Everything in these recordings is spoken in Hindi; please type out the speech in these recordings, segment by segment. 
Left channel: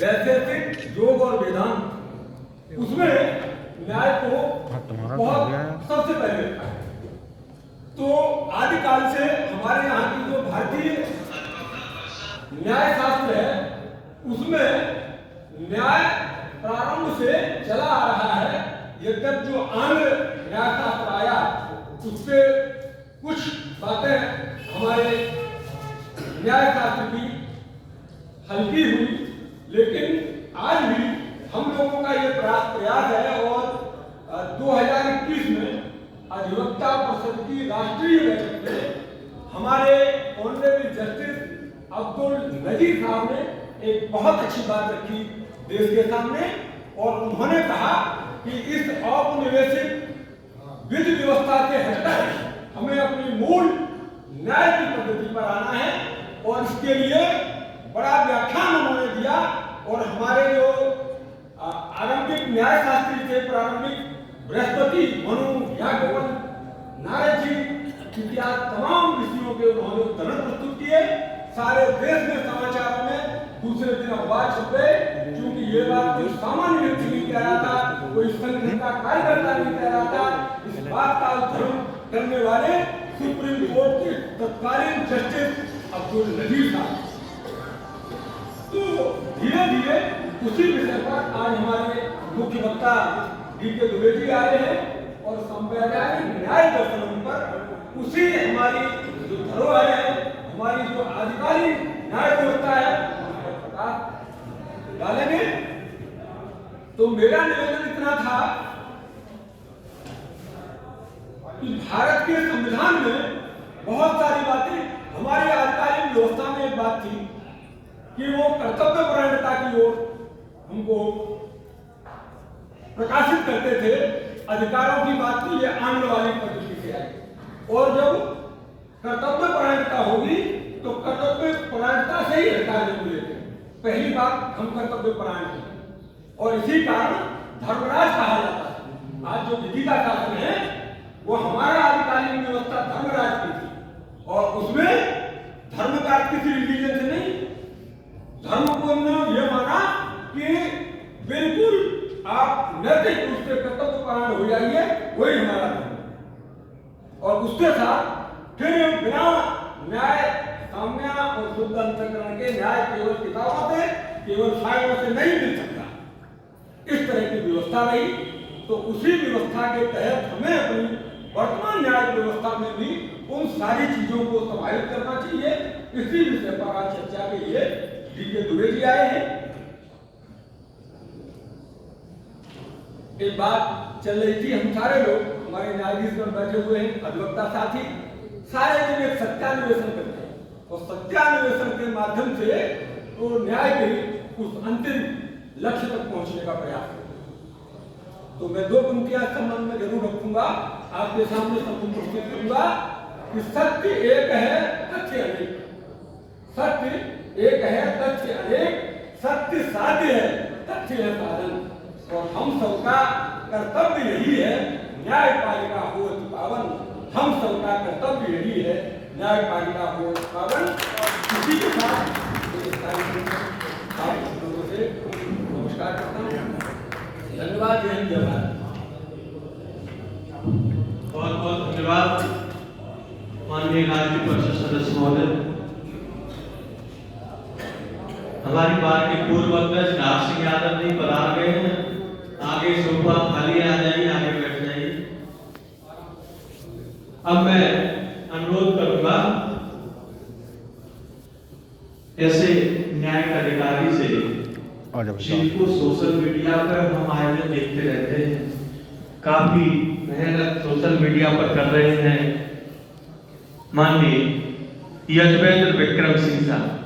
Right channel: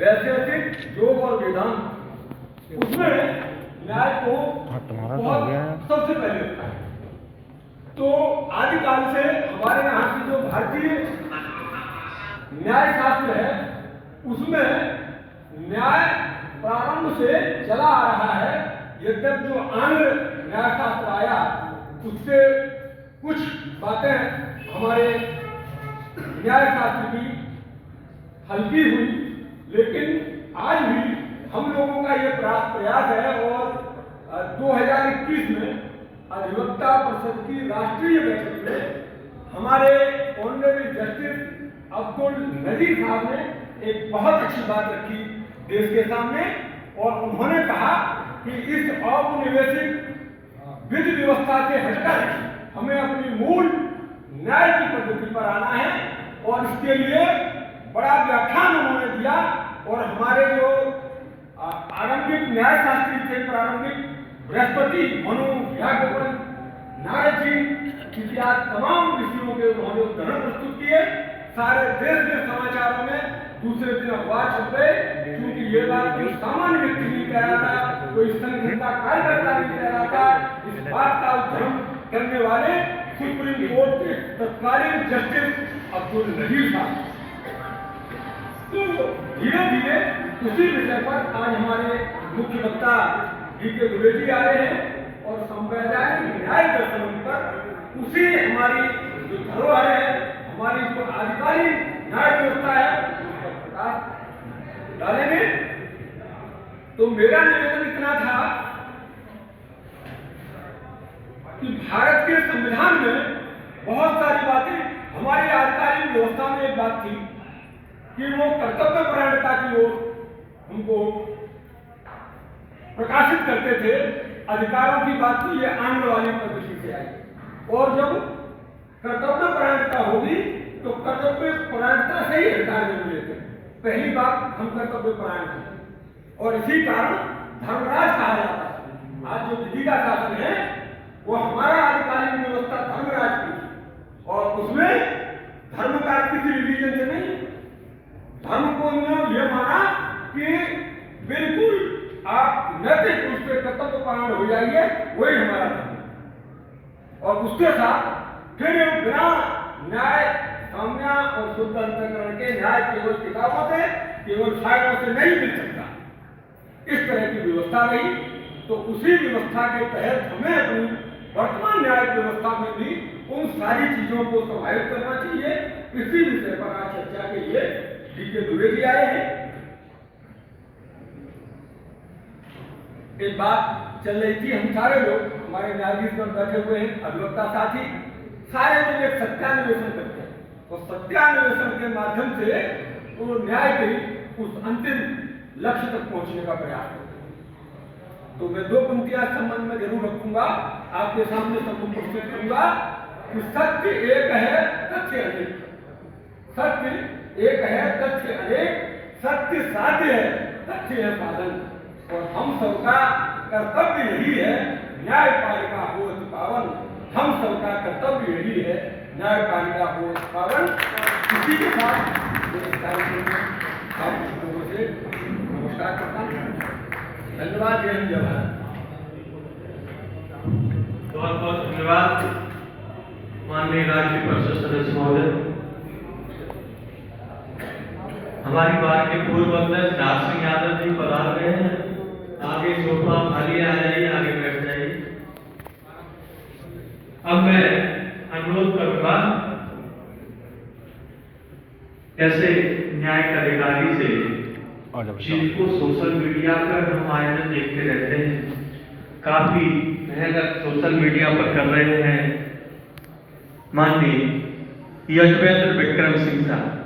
वैशेषिक योग और वेदांत उसमें न्याय को बहुत सबसे पहले रखा है। तो आदिकाल से हमारे यहाँ की जो भारतीय न्याय शास्त्र है उसमें न्याय प्रारंभ से चला आ रहा है। यद्यप जो आंध्र न्याय शास्त्र आया उससे कुछ बातें हमारे न्याय शास्त्र की हल्की हुई, लेकिन आज भी हम लोगों का ये प्रयास है और 2021 में अधिवक्ता परिषद की राष्ट्रीय बैठक में हमारे ऑनरेबल जस्टिस अब्दुल नजीर साहब ने एक बहुत अच्छी बात रखी देश के सामने, और उन्होंने कहा कि इस औपनिवेशिक विधि व्यवस्था से हटकर हमें अपनी मूल न्याय की पद्धति पर आना है। और इसके लिए बड़ा व्याख्यान उन्होंने दिया और हमारे जो आरंभिक न्याय शास्त्री थे, प्रारंभिक बृहस्पति, मनु, याज्ञवल्क्य, नारद जी इत्यादि तमाम ऋषियों के उन्होंने उदाहरण प्रस्तुत किए। सारे देश में समाचारों में दूसरे दिन अखबार छप गए, क्योंकि ये बात कोई सामान्य व्यक्ति नहीं कह रहा था, कोई संघ का कार्यकर्ता नहीं कह रहा था। इस बात का उद्धरण करने वाले सुप्रीम कोर्ट के तत्कालीन जस्टिस अब्दुल नजीर साहब। तो धीरे धीरे उसी विषय पर आज हमारे मुख्य वक्ता DK द्विवेदी आ रहे हैं और संवैधानिक न्याय दर्शन पर उसी हमारी जो धरोहर है, हमारी जो आधिकारिक न्याय व्यवस्था है उस पर प्रकाश डालेंगे। तो मेरा निवेदन इतना था कि भारत के संविधान में बहुत सारी बातें, हमारी आधिकारिक व्यवस्था में एक बात थी कि वो कर्तव्यपरायणता की ओर हमको प्रकाशित करते थे। अधिकारों की बात की ये आंग्ल वाली पद्धति से आई, और जब कर्तव्यपरायणता होगी तो कर्तव्यपरायणता से ही अधिकार मिले थे। पहली बात, हम कर्तव्यपरायण हैं और इसी कारण धर्मराज कहा जाता है। आज जो विधि का शासन है वो हमारा आधिकारिक व्यवस्था धर्मराज की थी, और उसमें धर्म का किसी रिलीजन से नहीं, धर्म को उन्होंने ये माना कि बिल्कुल आप नैतिक रूप से कर्तव्यपरायण हो जाइए, वही हमारा धर्म है। और उसके साथ फिर बिना न्याय, साम्य और शुद्ध अंतःकरण के न्याय केवल किताबों से, केवल फाइलों से नहीं मिल सकता, इस तरह की व्यवस्था रही। तो उसी व्यवस्था के तहत हमें अपनी वर्तमान न्याय व्यवस्था में भी उन सारी चीजों को समाहित करना चाहिए। इसी विषय पर आज चर्चा के लिए DK द्विवेदी आए हैं। एक बात चल रही थी, हम सारे लोग, हमारे न्यायाधीश में बैठे हुए हैं, अधिवक्ता साथी, सारे लोग एक सत्यान्वेषण करते हैं और सत्यान्वेषण के माध्यम से तो न्याय के उस अंतिम लक्ष्य तक पहुंचने का प्रयास करते हैं। तो मैं दो पंक्तियां संबंध में जरूर रखूंगा, आपके सामने सबको प्रस्तुत करूंगा कि सत्य एक है, तथ्य अनेक। सत्य एक है, तथ्य अनेक। सत्य साध्य है, तथ्य है साधन। और हम सबका कर्तव्य यही है, न्यायपालिका हो अति पावन। हम सबका कर्तव्य यही है, न्यायपालिका हो अति पावन। इसी के साथ आप लोगों से नमस्कार करता हूँ। धन्यवाद। जय हिंद, जय भारत। बहुत बहुत धन्यवाद माननीय राज्य परिषद सदस्य महोदय। हमारी बार के पूर्व अध्यक्ष नाथ सिंह यादव जी पधार गए हैं। आगे सोफा खाली आ जाइए, आगे बैठ जाइए। अब मैं अनुरोध करूंगा कैसे न्याय का अधिकारी से जिनको सोशल मीडिया पर हम आए दिन देखते रहते हैं, काफी मेहनत सोशल मीडिया पर कर रहे हैं, माननीय यजवेंद्र विक्रम सिंह साहब,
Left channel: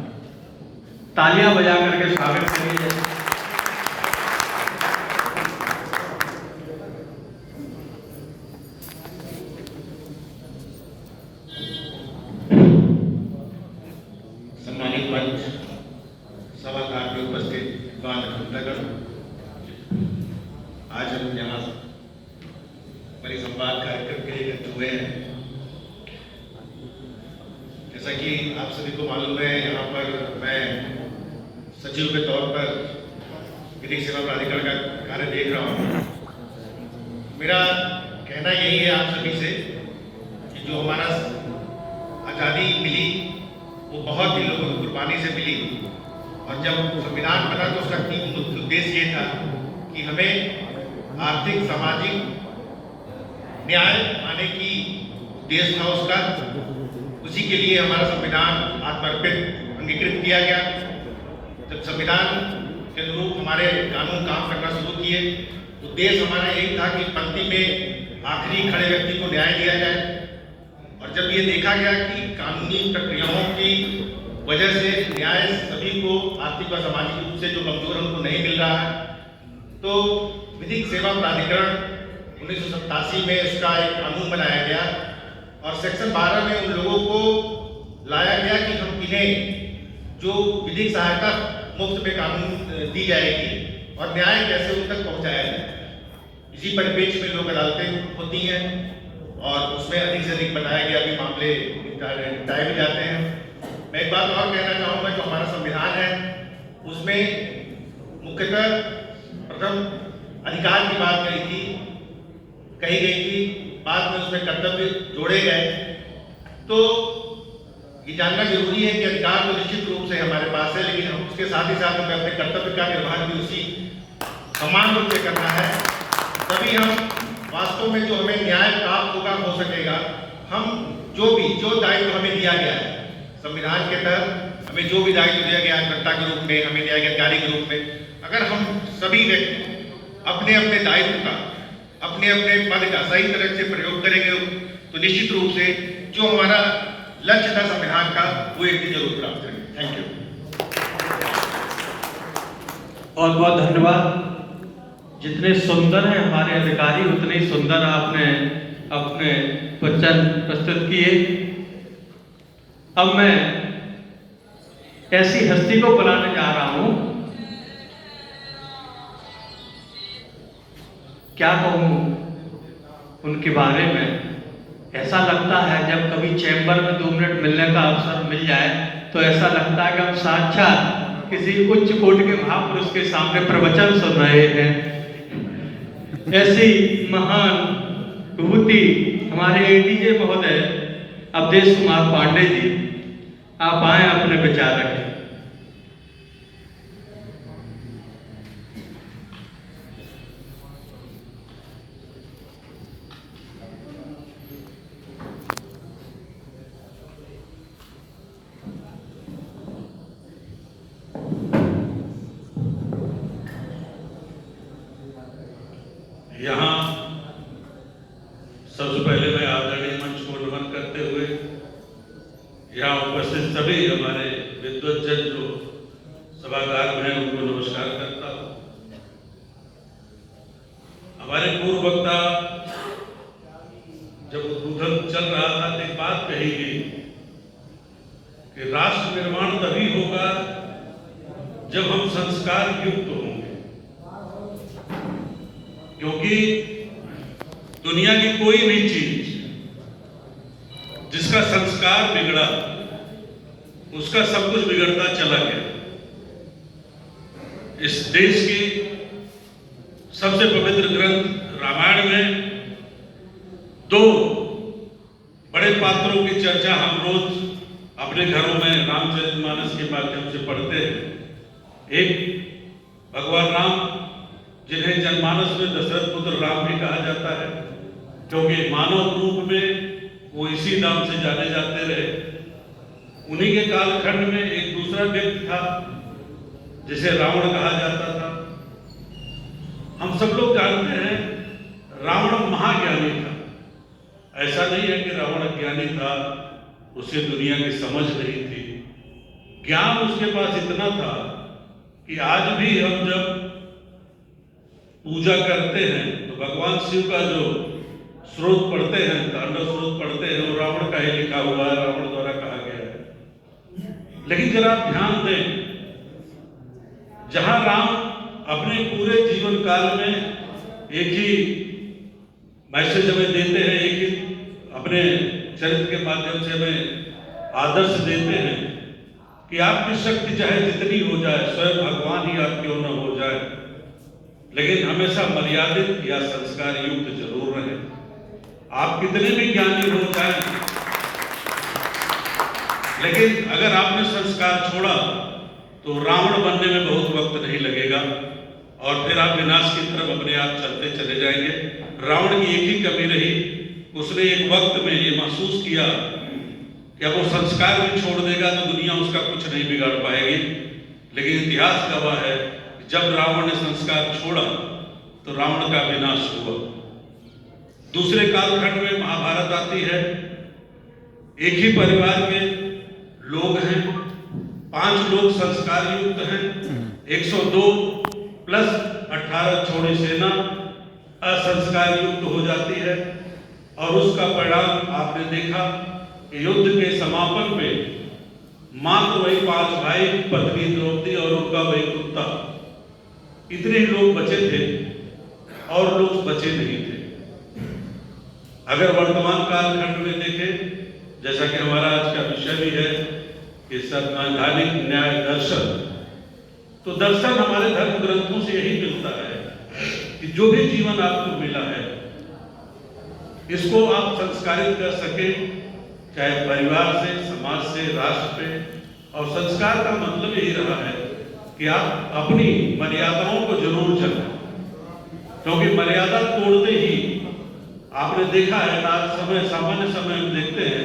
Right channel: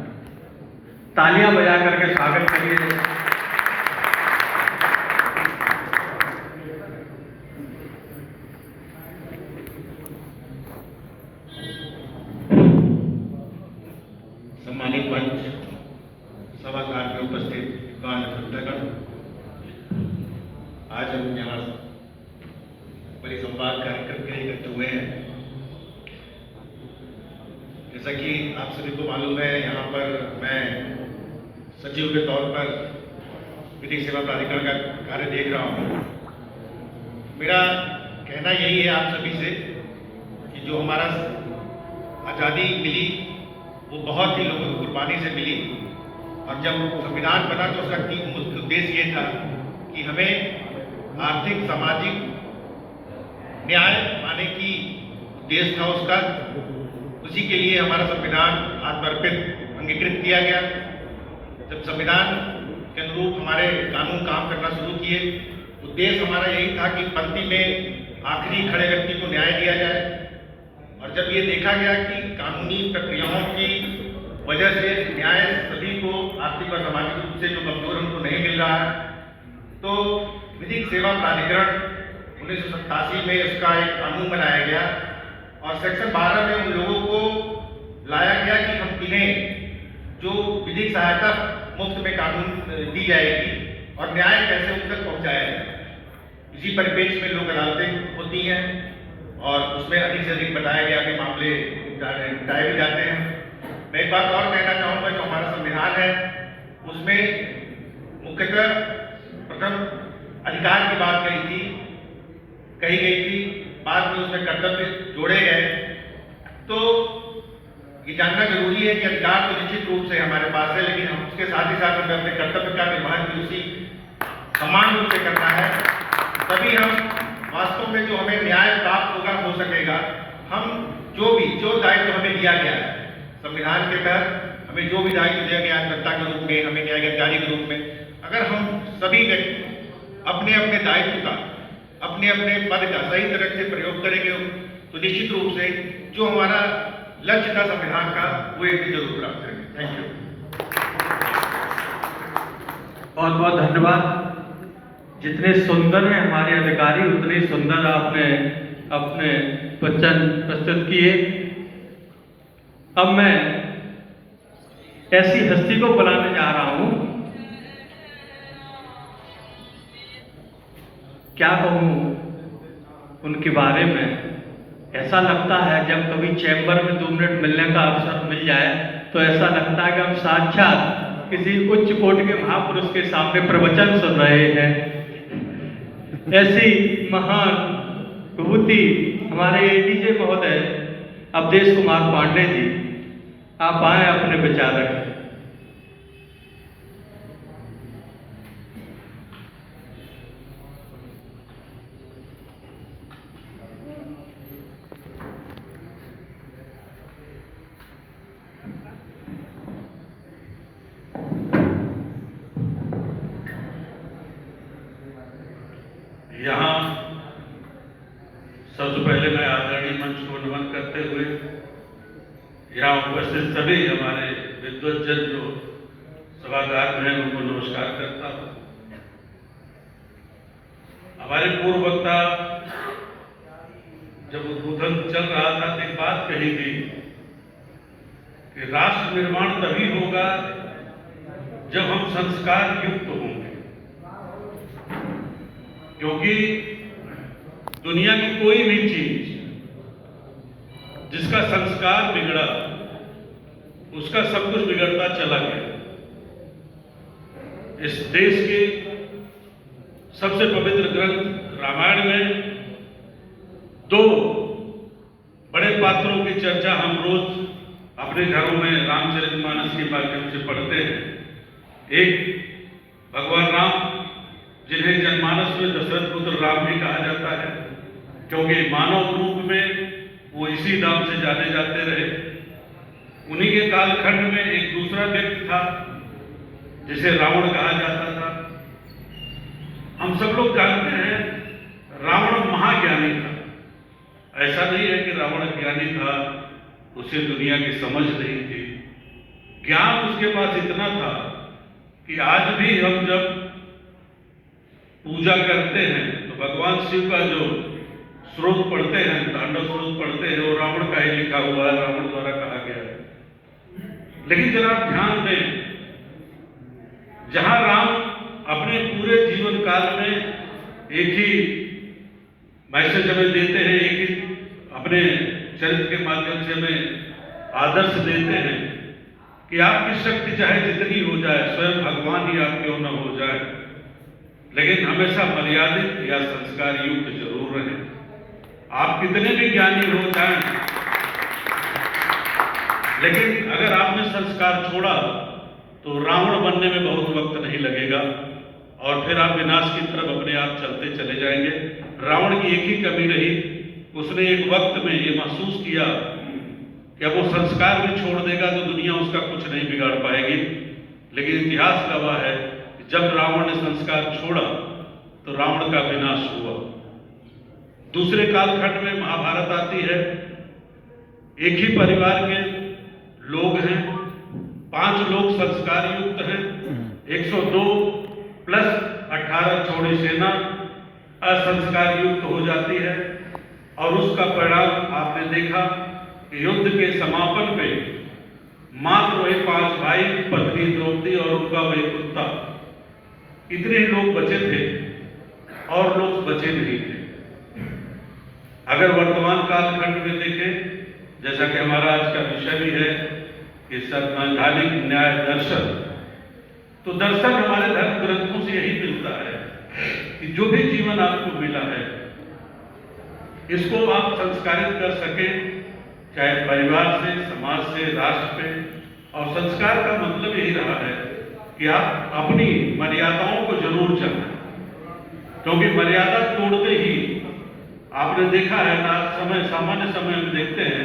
तालियां बजा करके स्वागत करिए। सम्मानित मंच, सभागृह में उपस्थित विद्वान अतिथिगण, आज हम यहाँ परिसंवाद कार्यक्रम के लिए इकट्ठे हुए हैं। जैसा कि आप सभी को मालूम है, यहाँ पर मैं सचिव के तौर तौर पर विधिक सेवा प्राधिकरण का कार्य देख रहा हूँ। मेरा कहना यही है आप सभी से कि जो हमारा आज़ादी मिली वो बहुत ही लोगों की कुर्बानी से मिली, और जब संविधान बना तो उसका मुख्य उद्देश्य ये था कि हमें आर्थिक सामाजिक न्याय पाने की उद्देश्य था उसका। उसी के लिए हमारा संविधान आत्मर्पित अंगीकृत किया गया। जब संविधान के अनुरूप हमारे कानून काम करना शुरू किए, उद्देश्य हमारा यही था कि पंक्ति में आखिरी खड़े व्यक्ति को न्याय दिया जाए। और जब ये देखा गया कि कानूनी प्रक्रियाओं की वजह से न्याय सभी को आर्थिक और सामाजिक रूप से जो कमजोर उनको नहीं मिल रहा है, तो विधिक सेवा प्राधिकरण 1987 में इसका एक कानून बनाया गया और सेक्शन 12 में उन लोगों को लाया गया कि हम इन्हें जो विधिक सहायता मुफ्त में कानून दी जाएगी और न्याय कैसे उन तक पहुंचाया जाए। इसी परिप्रेक्ष्य में लोक अदालतें होती हैं और उसमें अधिक से अधिक बताया गया कि मामले निपटाए भी जाते हैं। मैं एक बात और कहना चाहूँगा, जो हमारा संविधान है उसमें मुख्यतः प्रथम अधिकार की बात कही गई थी, बाद में उसमें कर्तव्य जोड़े गए। तो ये जानना जरूरी है कि अधिकार तो निश्चित रूप से हमारे पास है, लेकिन हम उसके साथ ही साथ हमें अपने कर्तव्य का निर्वहन भी उसी समान रूप से करना है। तभी हम वास्तव में जो हमें न्याय प्राप्त होगा हो सकेगा। हम जो दायित्व हमें दिया गया है संविधान के तहत, हमें जो भी दायित्व दिया गया है जनता के रूप में, हमें न्याय अधिकारी के रूप में, अगर हम सभी व्यक्ति अपने अपने दायित्व का, अपने अपने पद का सही तरह से प्रयोग करेंगे तो निश्चित रूप से जो हमारा लक्ष्य था संविधान का वो एक दिन जरूर प्राप्त करेंगे। Thank you. बहुत बहुत धन्यवाद। जितने सुंदर हैं हमारे अधिकारी, उतने ही सुंदर आपने अपने वचन प्रस्तुत किए। अब मैं ऐसी हस्ती को बुलाने जा रहा हूं, क्या कहूं उनके बारे में। ऐसा लगता है जब कभी चैम्बर में 2 मिनट मिलने का अवसर मिल जाए तो ऐसा लगता है कि हम साक्षात किसी उच्च कोटि के महापुरुष के सामने प्रवचन सुन रहे हैं। ऐसी महान विभूति हमारे एडीजे महोदय अवधेश कुमार पांडे जी, आप आए अपने विचार रखें। यहाँ सबसे पहले मैं आदरणीय मंच को नमन करते हुए यहाँ उपस्थित सभी हमारे विद्वज्जन जो सभागार में हैं उनको नमस्कार करता हूँ। हमारे पूर्व वक्ता जब उद्बोधन चल रहा था तो एक बात कही गई कि राष्ट्र निर्माण तभी होगा जब हम संस्कार युक्त होंगे, क्योंकि दुनिया की कोई भी चीज जिसका संस्कार बिगड़ा उसका सब कुछ बिगड़ता चला गया। इस देश के सबसे पवित्र ग्रंथ रामायण में 2 बड़े पात्रों की चर्चा हम रोज अपने घरों में रामचरितमानस के माध्यम से पढ़ते हैं। एक भगवान राम, जिन्हें जनमानस में दशरथ पुत्र राम भी कहा जाता है, क्योंकि मानव रूप में वो इसी नाम से जाने जाते रहे। उन्हीं के कालखंड में एक दूसरा व्यक्ति था जिसे रावण कहा जाता था। हम सब लोग जानते हैं रावण महाज्ञानी था। ऐसा नहीं है कि रावण अज्ञानी था, उसे दुनिया की समझ नहीं थी। ज्ञान उसके पास इतना था कि आज भी हम जब पूजा करते हैं तो भगवान शिव का जो स्रोत पढ़ते हैं, तांडव स्रोत पढ़ते हैं, वो रावण का ही लिखा हुआ है, रावण द्वारा कहा गया है। लेकिन जरा आप ध्यान दें, जहां राम अपने पूरे जीवन काल में एक ही मैसेज हमें देते हैं, एक ही अपने चरित्र के माध्यम से हमें आदर्श देते हैं कि आपकी शक्ति चाहे जितनी हो जाए, स्वयं भगवान ही आप क्यों न हो जाए, लेकिन हमेशा मर्यादित या संस्कार युक्त जरूर रहे। आप कितने भी ज्ञानी हो जाए, लेकिन अगर आपने संस्कार छोड़ा तो रावण बनने में बहुत वक्त नहीं लगेगा और फिर आप विनाश की तरफ अपने आप चलते चले जाएंगे। रावण की एक ही कमी रही, उसने एक वक्त में ये महसूस किया कि अब वो संस्कार भी छोड़ देगा तो दुनिया उसका कुछ नहीं बिगाड़ पाएगी। लेकिन इतिहास गवाह है कि जब रावण ने संस्कार छोड़ा तो रावण का विनाश हुआ। दूसरे कालखंड में महाभारत आती है। एक ही परिवार के लोग हैं, 5 लोग संस्कार युक्त हैं, 102 प्लस 18 छोड़ी सेना असंस्कार युक्त हो जाती है और उसका परिणाम आपने देखा कि युद्ध के समापन पे मात्र वही 5 भाई, पत्नी द्रौपदी और उनका वही कुत्ता, इतने ही लोग बचे थे और लोग बचे नहीं थे। अगर वर्तमान कालखंड में देखें, जैसा कि हमारा आज का विषय भी है कि संवैधानिक न्याय दर्शन, तो दर्शन हमारे धर्म ग्रंथों से यही मिलता है कि जो भी जीवन आपको मिला है इसको आप संस्कारित कर सके, चाहे परिवार से, समाज से, राष्ट्र पे। और संस्कार का मतलब यही रहा है कि आप अपनी मर्यादाओं को जरूर जानें, क्योंकि मर्यादा तोड़ते ही आपने देखा है ना, सामान्य समय में देखते हैं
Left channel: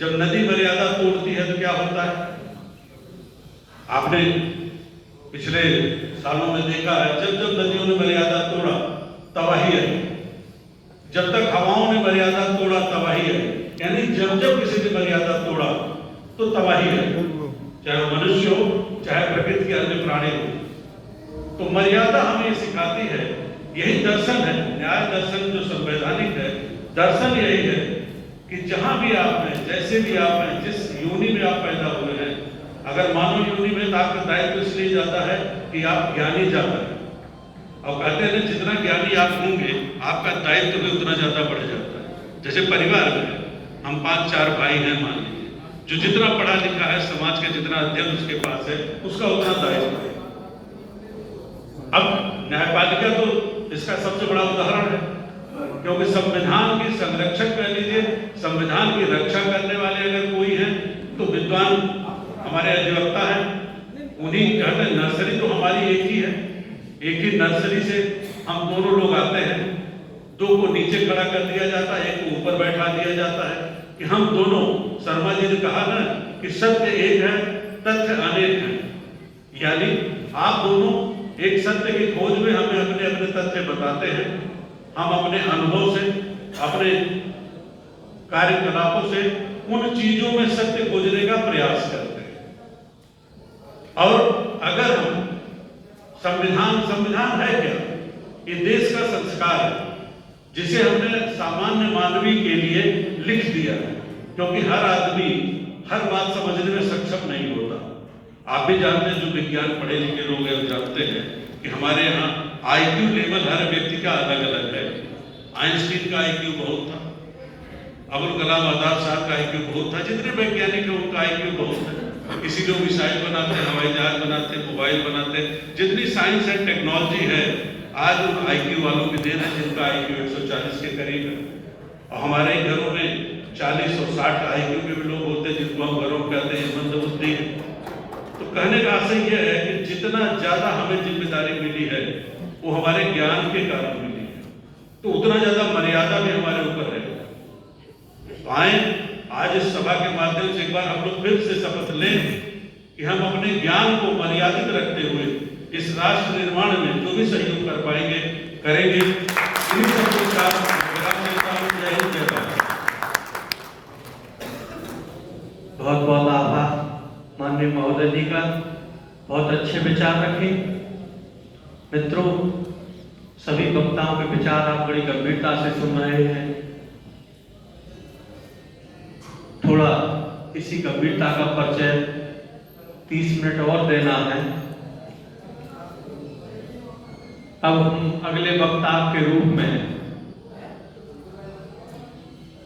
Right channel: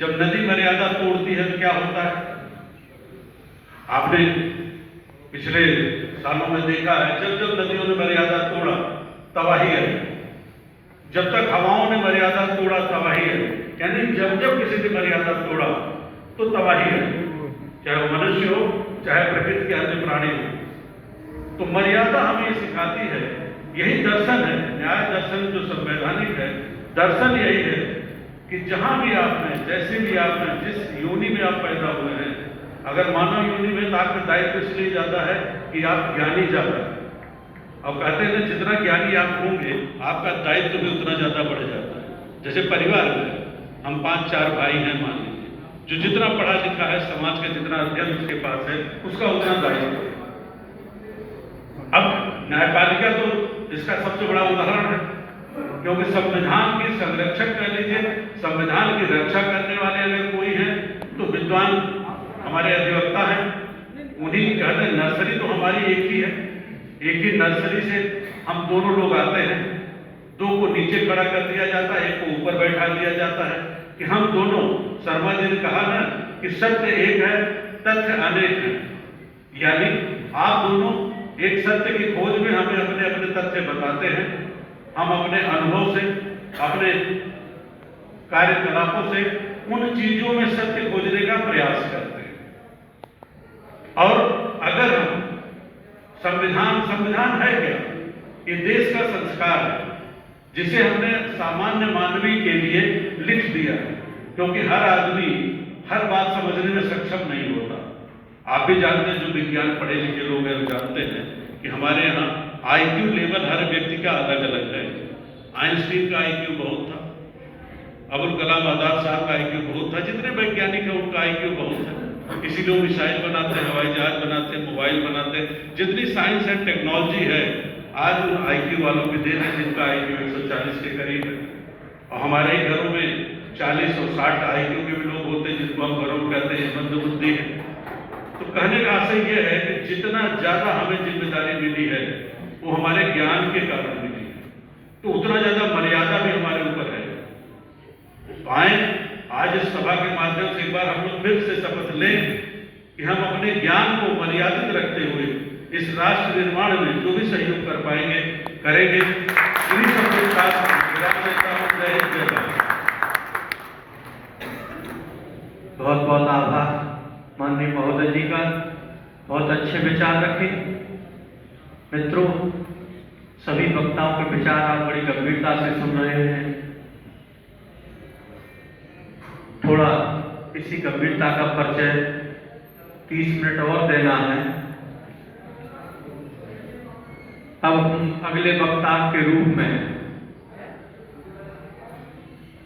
जब नदी मर्यादा तोड़ती है तो क्या होता है। आपने पिछले सालों में देखा है जब जब नदियों ने मर्यादा तोड़ा तबाही है, जब तक हवाओं ने मर्यादा तोड़ा तबाही है, यानी जब जब किसी ने मर्यादा तोड़ा तो तबाही है, चाहे मनुष्य हो चाहे प्रकृति के अन्य प्राणी हो। तो मर्यादा हमें सिखाती है, यही दर्शन है, न्याय दर्शन जो संवैधानिक है, दर्शन यही है कि जहां भी आपने, जैसे भी आपने, जिस योनि में आप पैदा हुए हैं, अगर मानव योनि में तो आपका दायित्व इसलिए जाता है कि आप ज्ञानी ज्यादा है, और कहते हैं जितना ज्ञानी आप होंगे आपका दायित्व भी उतना ज्यादा बढ़ जाता है। जैसे परिवार में हम 5-4 भाई हैं, मान लीजिए, जो जितना पढ़ा लिखा है, समाज का जितना अध्ययन उसके पास है, उसका उतना दायित्व है। अब न्यायपालिका तो इसका सबसे बड़ा उदाहरण है, क्योंकि संविधान के संरक्षक कह लीजिए, संविधान की रक्षा करने वाले अगर कोई है तो विद्वान हमारे अधिवक्ता हैं। उन्हीं कहते हैं नर्सरी तो हमारी एक ही है, एक ही नर्सरी से हम दोनों लोग आते हैं, 2 को नीचे खड़ा कर दिया जाता है, 1 को ऊपर बैठा दिया जाता है कि हम दोनों, शर्मा जी ने कहा ना कि सत्य एक है, तथ्य अनेक है, यानी आप दोनों एक सत्य की खोज में हमें अपने अपने तथ्य बताते हैं, हम अपने अनुभव से, अपने कार्यकलापों से उन चीजों में सत्य खोजने का प्रयास करते हैं। और अगर हम संविधान है क्या? ये देश का संस्कार है जिसे हमने सामान्य मानवी के लिए लिख दिया है, क्योंकि हर आदमी हर बात समझने में सक्षम नहीं होता। आप भी जानते हैं, जो विज्ञान पढ़े लिखे लोग हैं जानते हैं कि हमारे यहाँ IQ लेवल हर व्यक्ति का अलग अलग है। आइंस्टीन का IQ बहुत था, अबुल कलाम आजाद साहब का IQ बहुत था, जितने वैज्ञानिक हैं उनका IQ बहुत है। किसी लोग मिसाइल बनाते हैं, हवाई जहाज बनाते हैं, मोबाइल बनाते हैं, जितनी साइंस एंड टेक्नोलॉजी है आज उन IQ वालों की देन है जिनका IQ 140 के करीब है। और हमारे घरों में 40 और 60 IQ के भी लोग होते हैं जिनको हम घरों में कहते हैं मंदबुद्धि है। तो कहने का आशय यह है कि जितना ज्यादा हमें जिम्मेदारी मिली है वो हमारे ज्ञान के कारण मिली है, तो उतना ज्यादा मर्यादा भी हमारे ऊपर है। आए आज इस सभा के माध्यम से एक बार हम लोग फिर से शपथ लें कि हम अपने ज्ञान को मर्यादित रखते हुए इस राष्ट्र निर्माण में जो भी सहयोग कर पाएंगे करेंगे। इन्हीं सबके साथ बहुत बहुत आभार माननीय महोदय जी का, बहुत अच्छे विचार रखे। मित्रों, सभी वक्ताओं के विचार आप बड़ी गंभीरता से सुन रहे हैं। थोड़ा इसी गंभीरता का परिचय 30 मिनट और देना है। अब हम अगले वक्ता के रूप में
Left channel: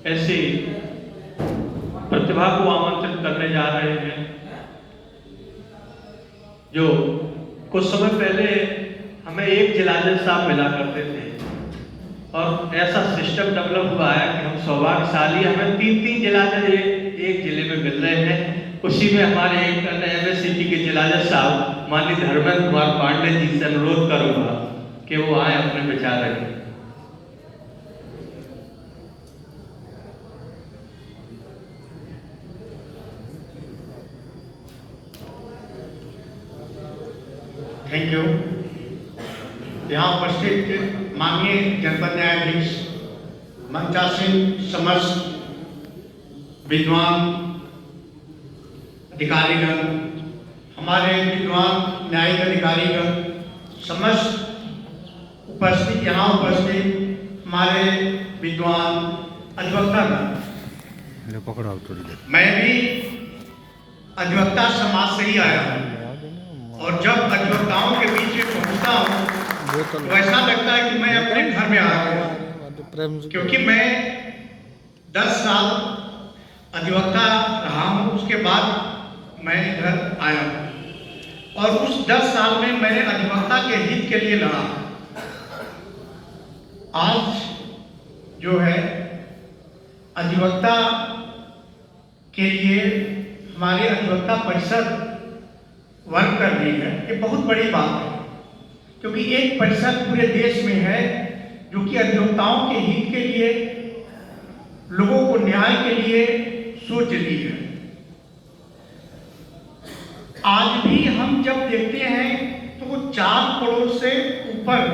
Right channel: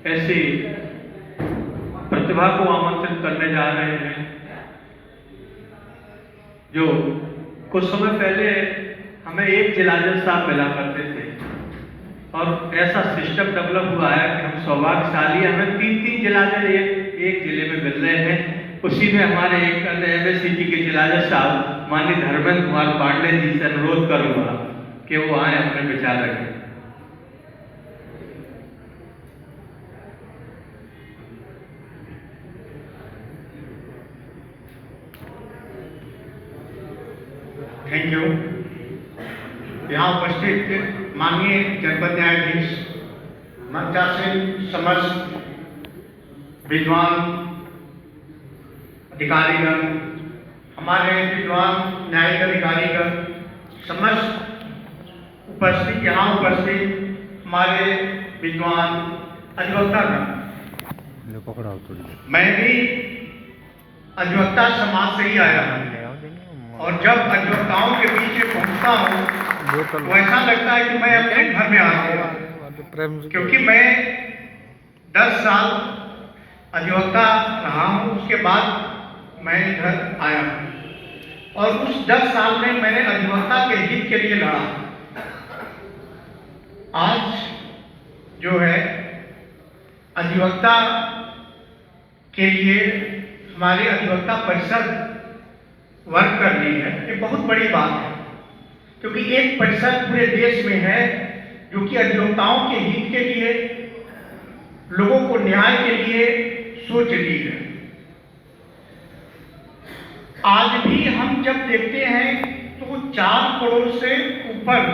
ऐसी प्रतिभा को आमंत्रित करने जा रहे हैं जो कुछ समय पहले हमें एक जिला जज साहब मिला करते थे, और ऐसा सिस्टम डेवलप हुआ है कि हम सौभाग्यशाली, हमें 3-3 जिला जज एक जिले में मिल रहे हैं। उसी में हमारे एक MSCT के जिला जज साहब माननीय धर्मेंद्र कुमार पांडे जी से अनुरोध करूंगा कि वो आए, अपने विचार रखें। Thank you. यहाँ उपस्थित माननीय जनपद न्यायाधीश, मंचासीन समस्त विद्वान अधिकारीगण, हमारे विद्वान न्यायिक अधिकारीगण, समस्त उपस्थित यहाँ उपस्थित हमारे विद्वान अधिवक्तागण, मैं भी अधिवक्ता समाज से ही आया हूँ, और जब अधिवक्ताओं के बीच में पहुँचता हूँ तो ऐसा लगता है कि मैं अपने घर में आ गया, क्योंकि मैं 10 साल अधिवक्ता रहा हूँ। उसके बाद मैं घर आया हूँ, और उस 10 साल में मैंने अधिवक्ता के हित के लिए लड़ा। आज जो है अधिवक्ता के लिए हमारे अधिवक्ता परिषद वर्क कर रही है, ये बहुत बड़ी बात है, क्योंकि एक परिषद पूरे देश में है जो कि अधिवक्ताओं के हित के लिए, लोगों को न्याय के लिए सोच रही है। आज भी हम जब देखते हैं तो 4 करोड़ से ऊपर